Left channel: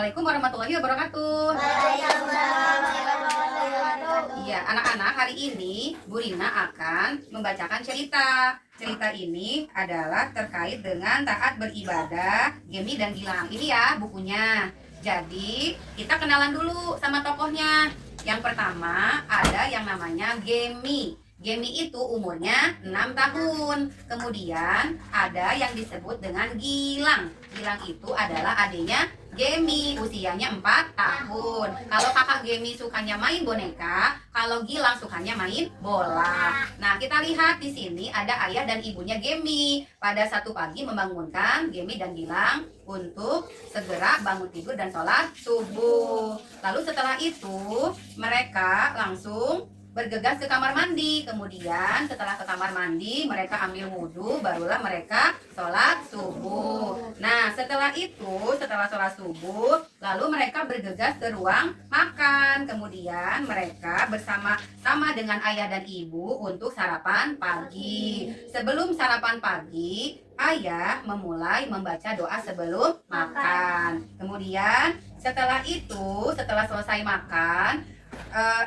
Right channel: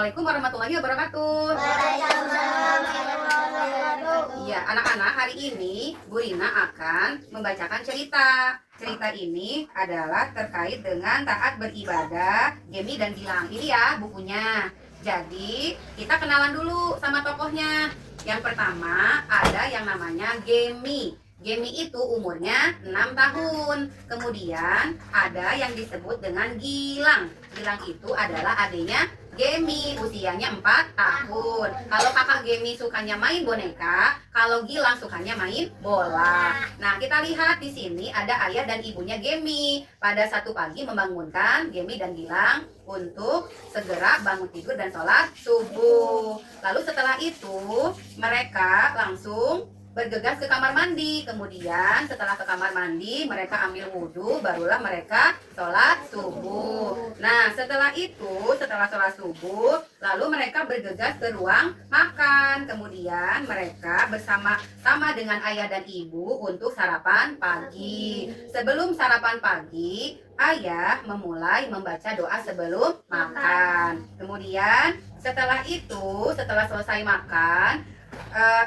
Assalamualaikum warahmatullahi wabarakatuh. Waalaikumsalam warahmatullahi wabarakatuh. Iya, anak-anak, hari ini Bu Rina akan membacakan cerita. Cerita ini adalah terkait dengan taat beribadah, Gemi dan Gilang. Ini ya bukunya. Jadi, kita kenalan dulu sama tokohnya. Yang pertama ada yang namanya Gemi. Gemi itu umurnya 6 tahun. Kemudian ada yang disebut dengan Gilang. Gilang itu adalah adiknya Gemi, usianya 4 tahun. Kalau kakak Gemi sukanya main boneka, kalau Gilang sukanya main bola. Nah, kita lihat di sini ada ayah dan ibunya Gemi. Pada satu pagi membangunkan Gemi dan Gilang untuk segera bangun tidur dan sholat subuh. Lalu setelah itu mereka langsung bergegas ke kamar mandi. Kemudian setelah ke kamar mandi mereka ambil wudhu, barulah mereka sholat subuh. Nah, setelah itu, setelah sholat subuh, lalu mereka bergegas ke ruang makan. Kemudian mereka bersama-sama dengan ayah dan ibu untuk sarapan pagi. Sebelum sarapan pagi, ayah memulai membaca doa sebelum makan. Kemudian setelah itu, setelah selesai makan,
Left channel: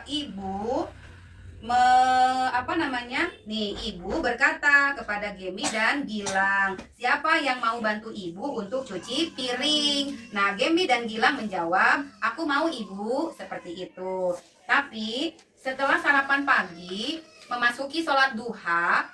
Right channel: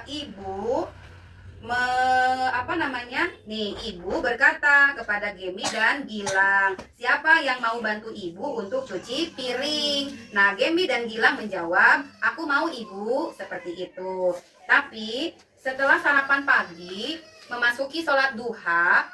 ibu ibu berkata kepada Gemi dan Gilang, siapa yang mau bantu ibu untuk cuci piring? Nah, Gemi dan Gilang menjawab, aku mau ibu, seperti itu. Tapi setelah sarapan pagi memasuki sholat duha,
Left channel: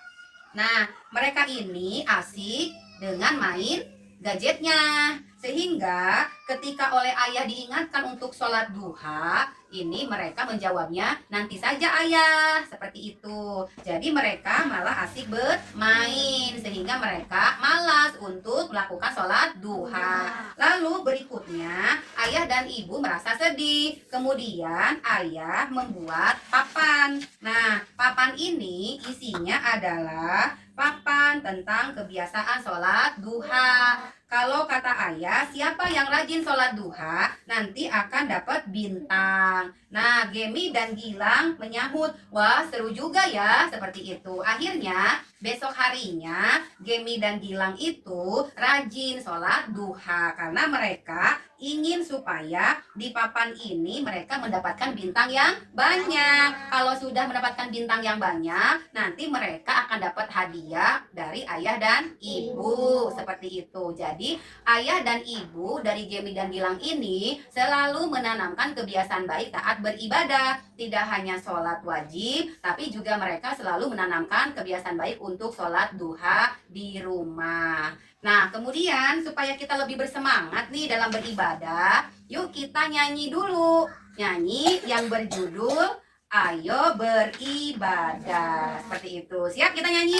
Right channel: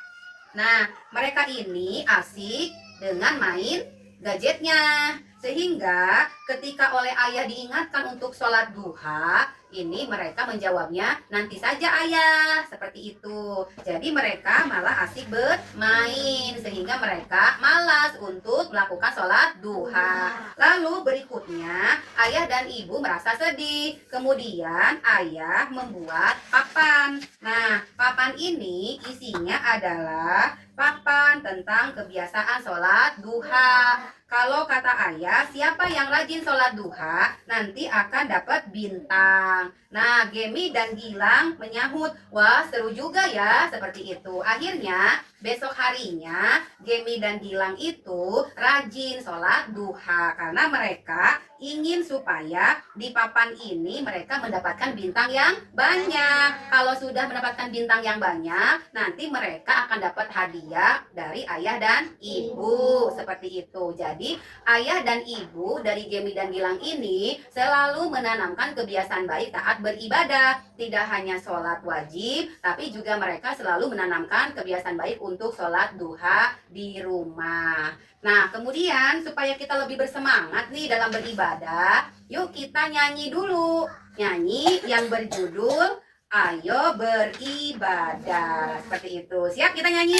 nah mereka ini asik dengan main gadgetnya, sehingga ketika oleh ayah diingatkan untuk sholat duha, ini mereka menjawabnya, nanti saja ayah, seperti itu. Jadi mereka malah asik bermain, sehingga mereka malas untuk melakukan sholat duha. Lalu berikutnya ayah dan ibu merasa sedih. Kemudian ayah membuat papan. Nah, papan ini isinya adalah papan tentang kebiasaan sholat duha. Kalau kata ayah, siapa yang rajin sholat duha nanti akan dapat bintang. Nah, Gemi dan Gilang menyahut, wah seru juga ya, seperti itu. Akhirnya besok harinya Gemi dan Gilang itu rajin sholat duha karena mereka ingin supaya di papan ini mereka mendapatkan bintang yang banyak. Kalau sudah mendapatkan bintang yang banyak, nanti mereka akan dapat hadiah dari ayah dan ibu, seperti itu. Jadi ayah dan ibu dari Gemi dan Gilang ini selalu menanamkan kebiasaan baik taat beribadah. Tidak hanya sholat wajib, tapi juga mereka selalu menanamkan kebiasaan baik untuk sholat duha di rumah. Nah, kemudian supaya kita lebih bersemangat nih dalam beribadah, yuk kita nyanyi dulu. Nyanyi yang berjudul Ayo Beribadah. Seperti itu. Siap kita nyanyi?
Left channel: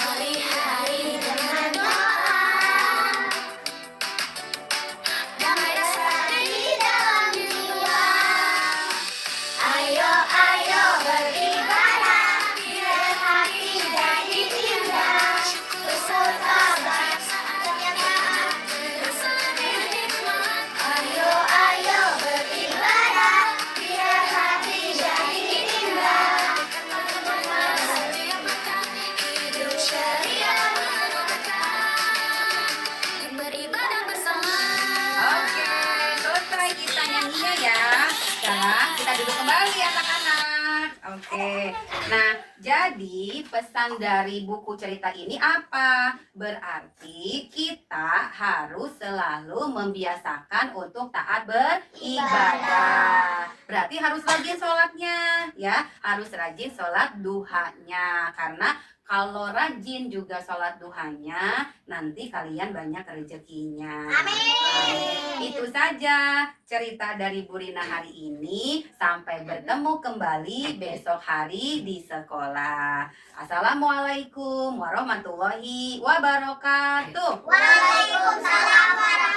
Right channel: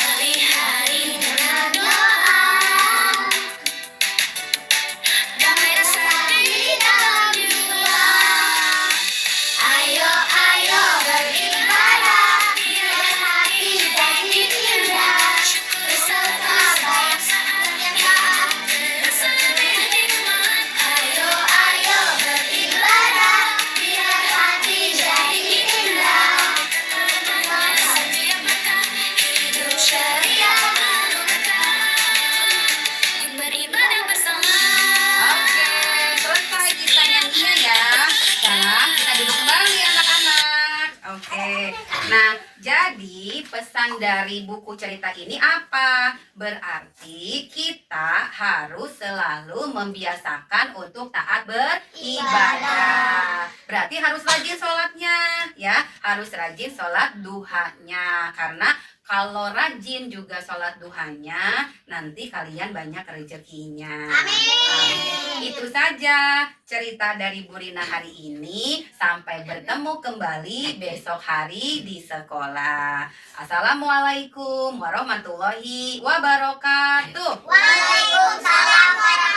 Hari-hari dengan doa, damai resapi dalam jiwa. Ayo, ayo beribadah, biar hati jadi indah. Beserta bangsa ternyata bersemi hikmat. Ayo, ayo beribadah, biar hati jadi indah. Hidup syariah beribadah bersama. Oke, selesai kita nyanyinya ya. Sekarang kita duduk kembali anak-anak. Oke. Nah, jadi pesan dari buku cerita ini apa? Berarti kita harus selalu membiasakan untuk taat beribadah. Berarti harus rajin sholatnya, ya. Harus rajin sholat duhanya. Karena kalau rajin juga sholat duhanya, nanti kalian banyak rezekinya. Amin. Itu saja cerita dari Bu Rina hari ini. Sampai bertemu kembali besok hari di sekolah. Assalamualaikum warahmatullahi wabarakatuh. Waalaikumsalam warahmatullahi